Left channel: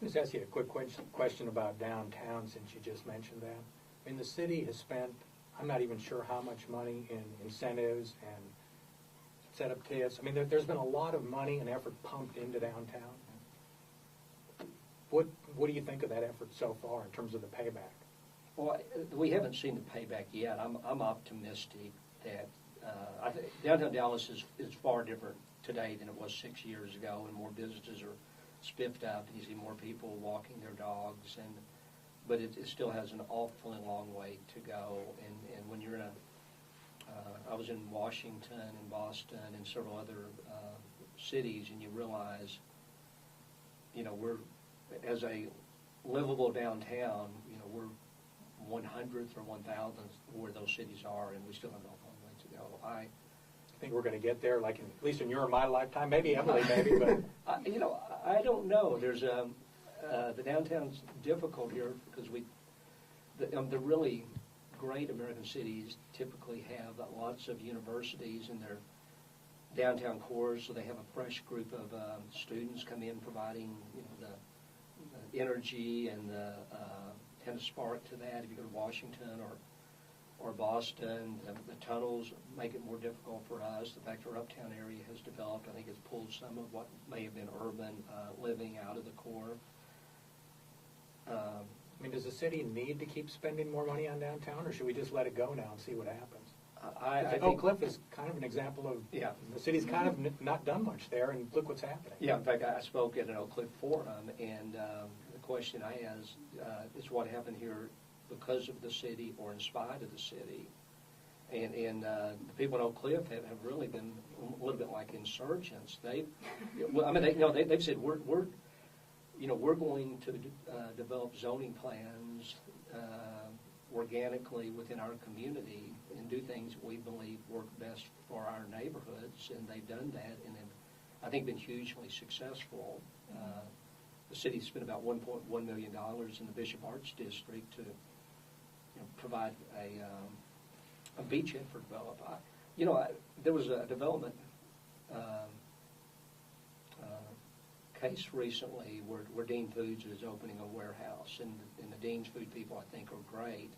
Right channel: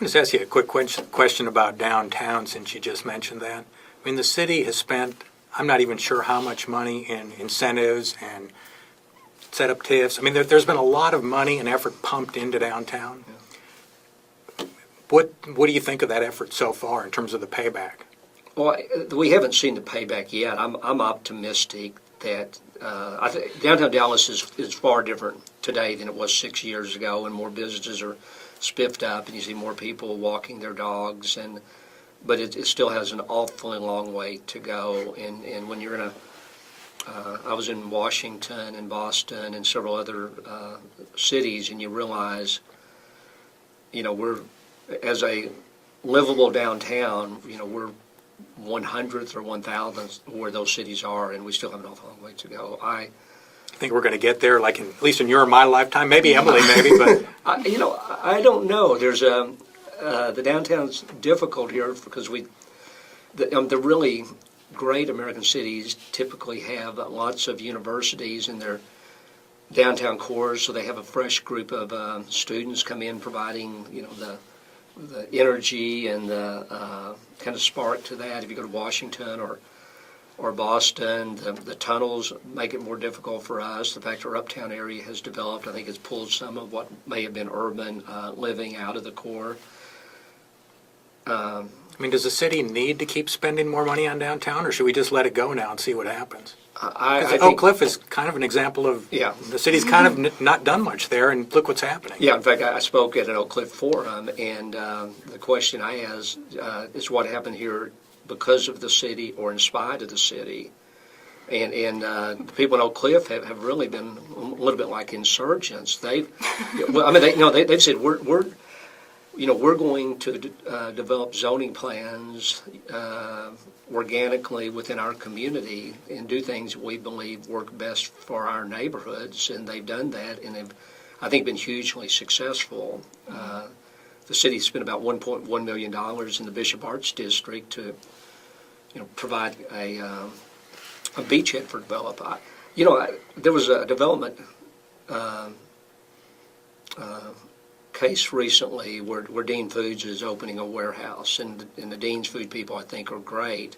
I'll just ask you a quick question about downtown, since you just mentioned that. I mean, the city has spent, I'm not even sure how much money in incentives and set up TIFs. I mean, there's been a lot of money and effort pumped into downtown. What do you think of that effort so far in terms of the payback? Well, we haven't seen the payback yet. I'm optimistic that I think downtown Dallas is far different today than it was 6 years ago, and more businesses are spiffed up, and you see more people walking their dogs. But it still has an awfully long way to go. And when you're in I was in Washington and Boston and several other cities, and you realize, we're, as a livable downtown, we're 100th or 1,000th where those cities are, and we still have an awful long way to go. I think we're going to get there, like at least in your and my lifetime. Maybe Emily, maybe, but I don't know. There's the downtown's difficult here because the really great American cities typically have lots of universities in their downtown cores, so they have a fresh group of students come in providing the energy and the kind of spark to that. If you go to Washington or Boston, the tunnels make it more difficult for us. The fact our uptown area has developed, I think, has pulled some of what may have been urban living out of the core. I mean, does the city need to keep spending more money on downtown, or should we just let it go now and see what happens? I think Oak Cliff is kind of an example of the city's kind of not done much there, and look what's happening. Yeah, in fact, I spoke at an Oak Cliff forum, and the question I asked is what happened here because of the city or in spite of the city. And the people in Oak Cliff have really been a little bit like insurgents. They've said we're going to develop zoning plans organically within our community and do things we believe work best for our neighborhoods, and they've done that, and they've, I think, been hugely successful. The city spent about $1.1 million in the Bishop Arts District to, provide a beachhead for development. There was a development case recently where Dean Foods is opening a warehouse, and the Dean's Food people, I think, are great.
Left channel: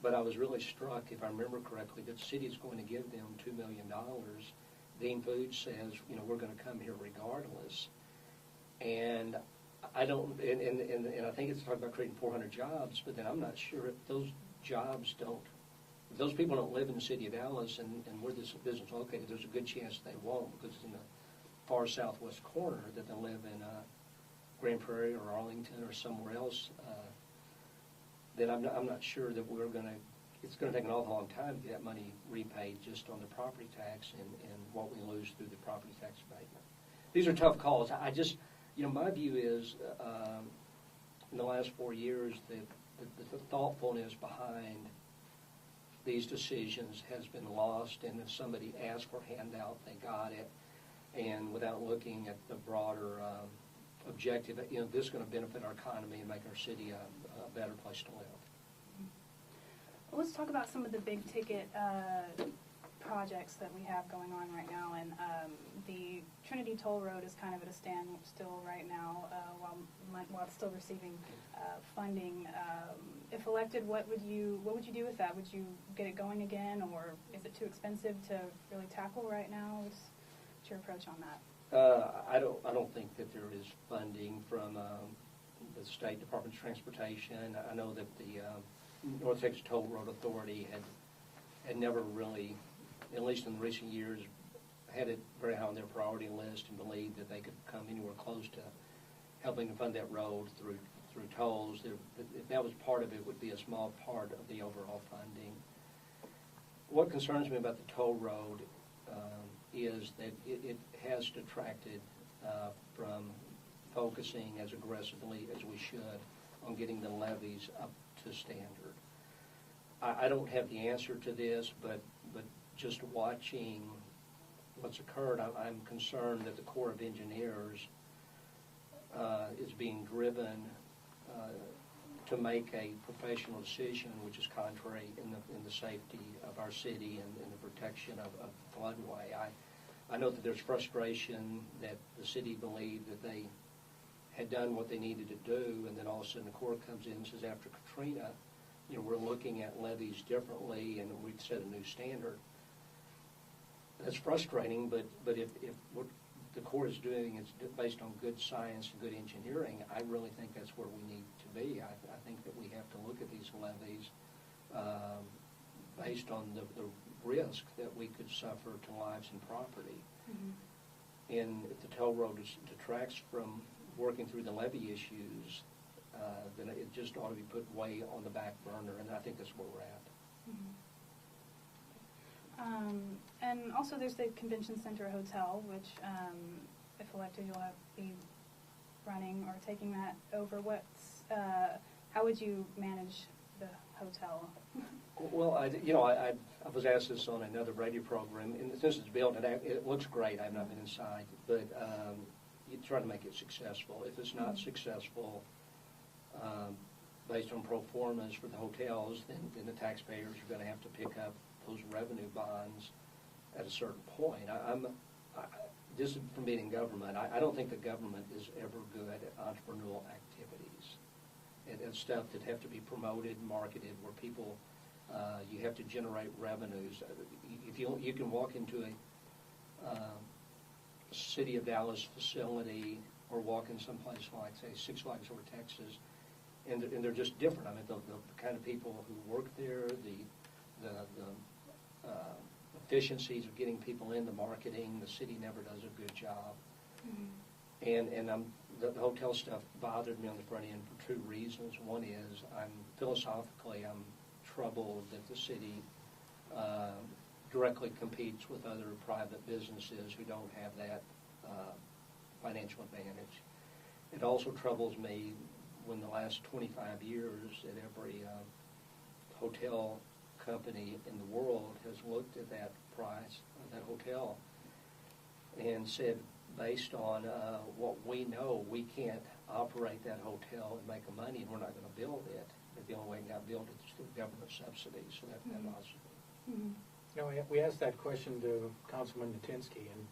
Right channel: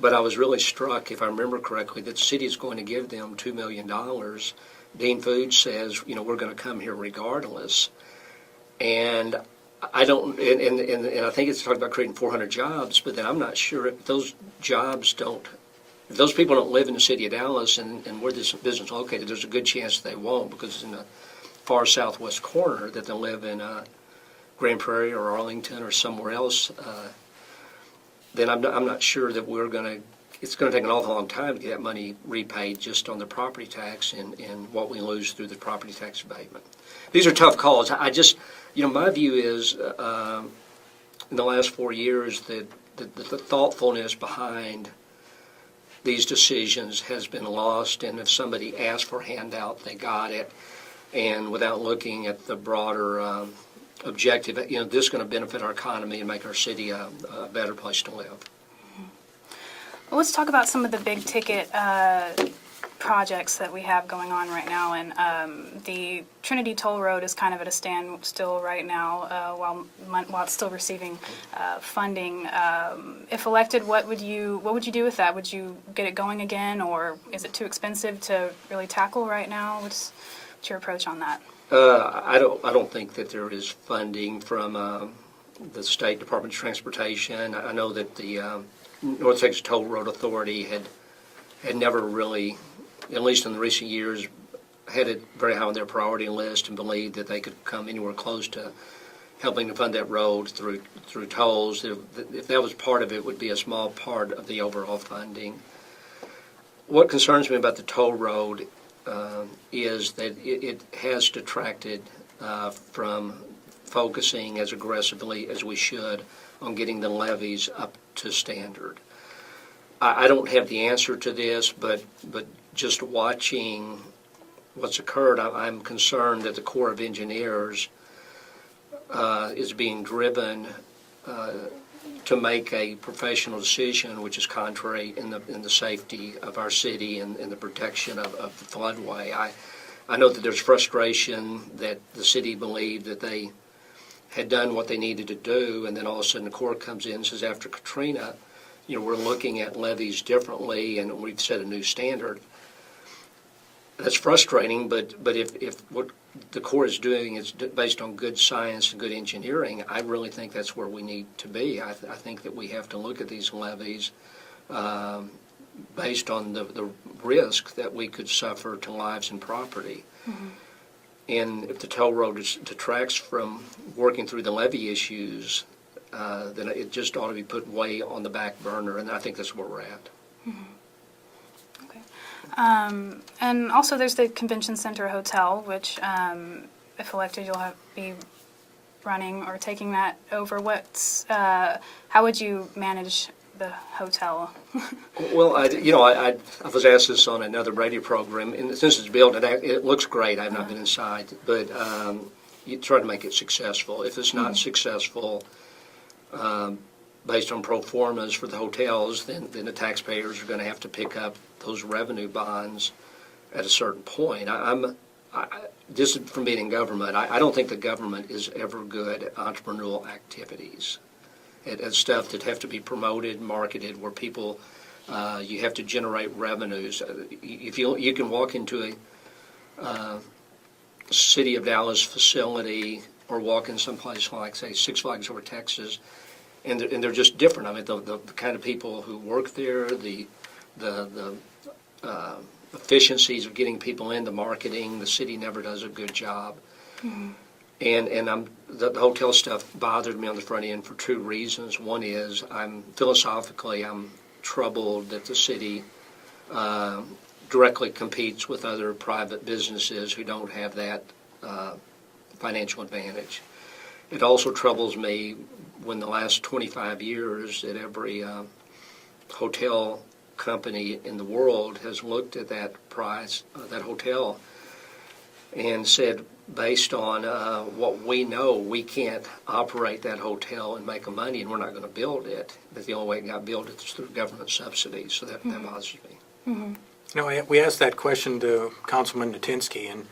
But I was really struck, if I remember correctly, that the city is going to give them $2 million. Dean Foods says, we're going to come here regardless. And I don't, and I think it's talking about creating 400 jobs, but then I'm not sure if those jobs if those people don't live in the city of Dallas and where this business is located, there's a good chance they won't, because it's in the far southwest corner, that they'll live in Grand Prairie or Arlington or somewhere else. Then I'm not sure that it's going to take an awful long time to get that money repaid just on the property tax and what we lose through the property tax abatement. These are tough calls. I just, my view is in the last 4 years that the thoughtfulness behind these decisions has been lost, and if somebody asked for a handout, they got it. And without looking at the broader objective, this is going to benefit our economy and make our city a better place to live. Well, let's talk about some of the big ticket projects that we have going on right now. And the Trinity Toll Road is kind of at a standstill right now while it's still receiving funding. If elected, what would you do with that? Would you get it going again, or is it too expensive to really tackle right now? What's your approach on that? I don't think that there is funding from the State Department of Transportation. I know that the North Texas Toll Road Authority had never really, at least in the recent years, had it very high on their priority list and believed that they could come anywhere close to helping to fund that road through tolls. If that was part of it, would be a small part of the overall funding. What concerns me about the toll road is that it has detracted from focusing as aggressively as we should on getting the levees up to standard. I don't have the answer to this, but just watching what's occurred, I'm concerned that the Corps of Engineers is being driven to make a professional decision which is contrary in the safety of our city and the protection of the floodway. I know that there's frustration that the city believed that they had done what they needed to do, and then all of a sudden the Corps comes in and says, after Katrina, we're looking at levies differently, and we've set a new standard. That's frustrating, but if what the Corps is doing is based on good science and good engineering, I really think that's where we need to be. I think that we have to look at these levies based on the risk that we could suffer to lives and property. Mm-hmm. And if the toll road detracts from working through the levy issues, then it just ought to be put way on the back burner, and I think that's where we're at. Mm-hmm. Okay. And also there's the Convention Center Hotel, which, if elected, you'll be running or taking that over. How would you manage the hotel? Well, I was asked this on another radio program, and since it's built, it looks great. I've not been inside, but you try to make it successful. If it's not successful, based on pro formas for the hotels, then the taxpayers are going to have to pick up those revenue bonds at a certain point. Just from being in government, I don't think the government is ever good at entrepreneurial activities. At stuff that have to be promoted, marketed, where people, you have to generate revenues. If you can walk into a City of Dallas facility or walk in someplace like, say, Six Flags over Texas, and they're just different. I mean, the kind of people who work there, the efficiencies of getting people into marketing, the city never does a good job. Mm-hmm. And the hotel stuff bothered me on the front end for two reasons. One is I'm troubled that the city directly competes with other private businesses who don't have that financial advantage. It also troubles me when the last 25 years that every hotel company in the world has looked at that price, that hotel, and said, based on what we know, we can't operate that hotel and make a money, and we're not going to build it. That the only way it got built is through government subsidies, so that bothers me. Mm-hmm. We asked that question to Councilman Natinsky, and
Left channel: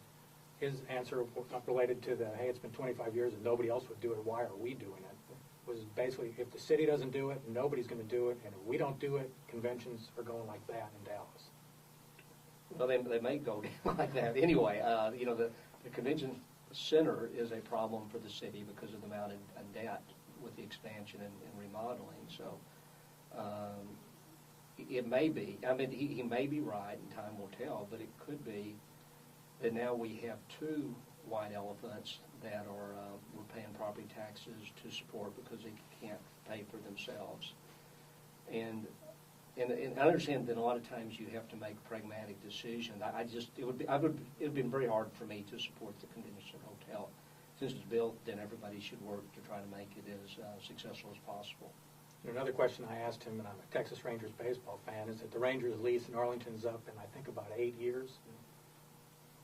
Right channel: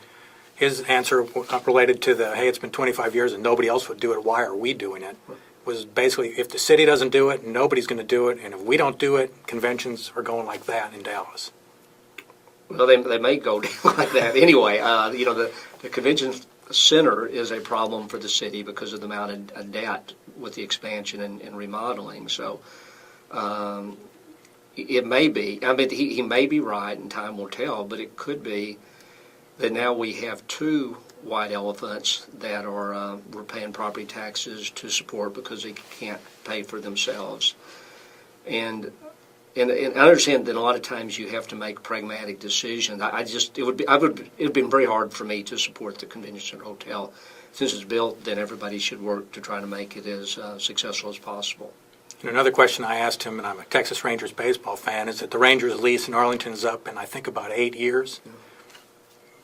his answer related to hey, it's been 25 years and nobody else would do it, why are we doing it? Was basically, if the city doesn't do it, nobody's going to do it, and if we don't do it, conventions are going like that in Dallas. Well, they may go down like that anyway. The convention center is a problem for the city because of the amount of debt with the expansion and remodeling. So it may be. I mean, he may be right, and time will tell. But it could be that now we have two white elephants that are we're paying property taxes to support because they can't pay for themselves. And I understand that a lot of times you have to make pragmatic decisions. It would be very hard for me to support the convention center hotel. Since it's built, then everybody should work to try to make it as successful as possible. And another question I asked him, and I'm a Texas Rangers baseball fan, is that the Rangers lease in Arlington is up in, I think, about 8 years.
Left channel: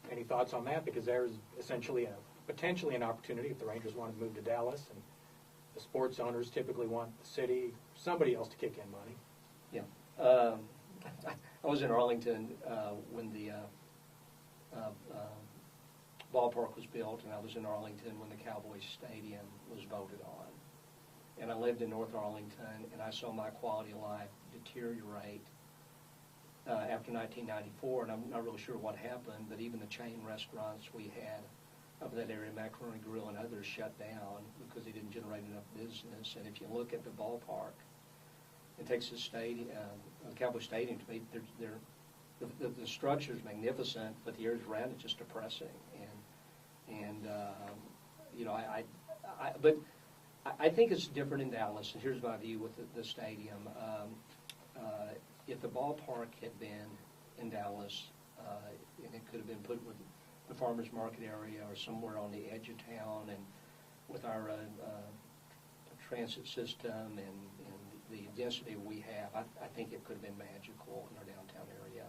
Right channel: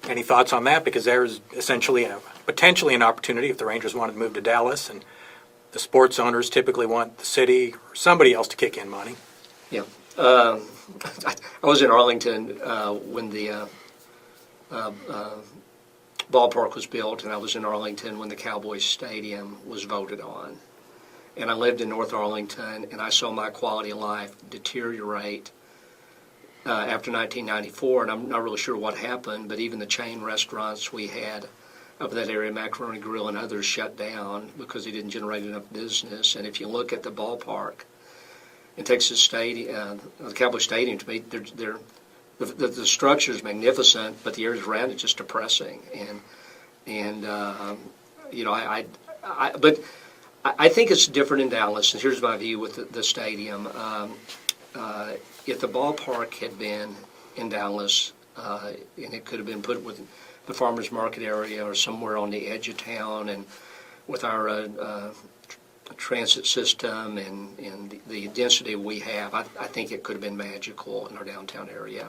Any thoughts on that? Because there's essentially potentially an opportunity if the Rangers wanted to move to Dallas, and the sports owners typically want the city or somebody else to kick in money. Yeah. I was in Arlington when the ballpark was built, and I was in Arlington when the Cowboys Stadium was voted on. And I lived in North Arlington, and I saw my quality of life deteriorate after 1994, and I'm not really sure what happened, but even the chain restaurants we had of that area, Macaroni Grill and others, shut down because they didn't generate enough business. And if you look at the ballpark in Texas Stadium, the Cowboy Stadium, to me, the structure is magnificent, but the areas around it just depressing. But I think it's different in Dallas, and here's my view with the stadium. If the ballpark had been in Dallas, and it could have been put with the farmers market area or somewhere on the edge of town, and with our transit system and the density we have, I think it could have been magical in our downtown area.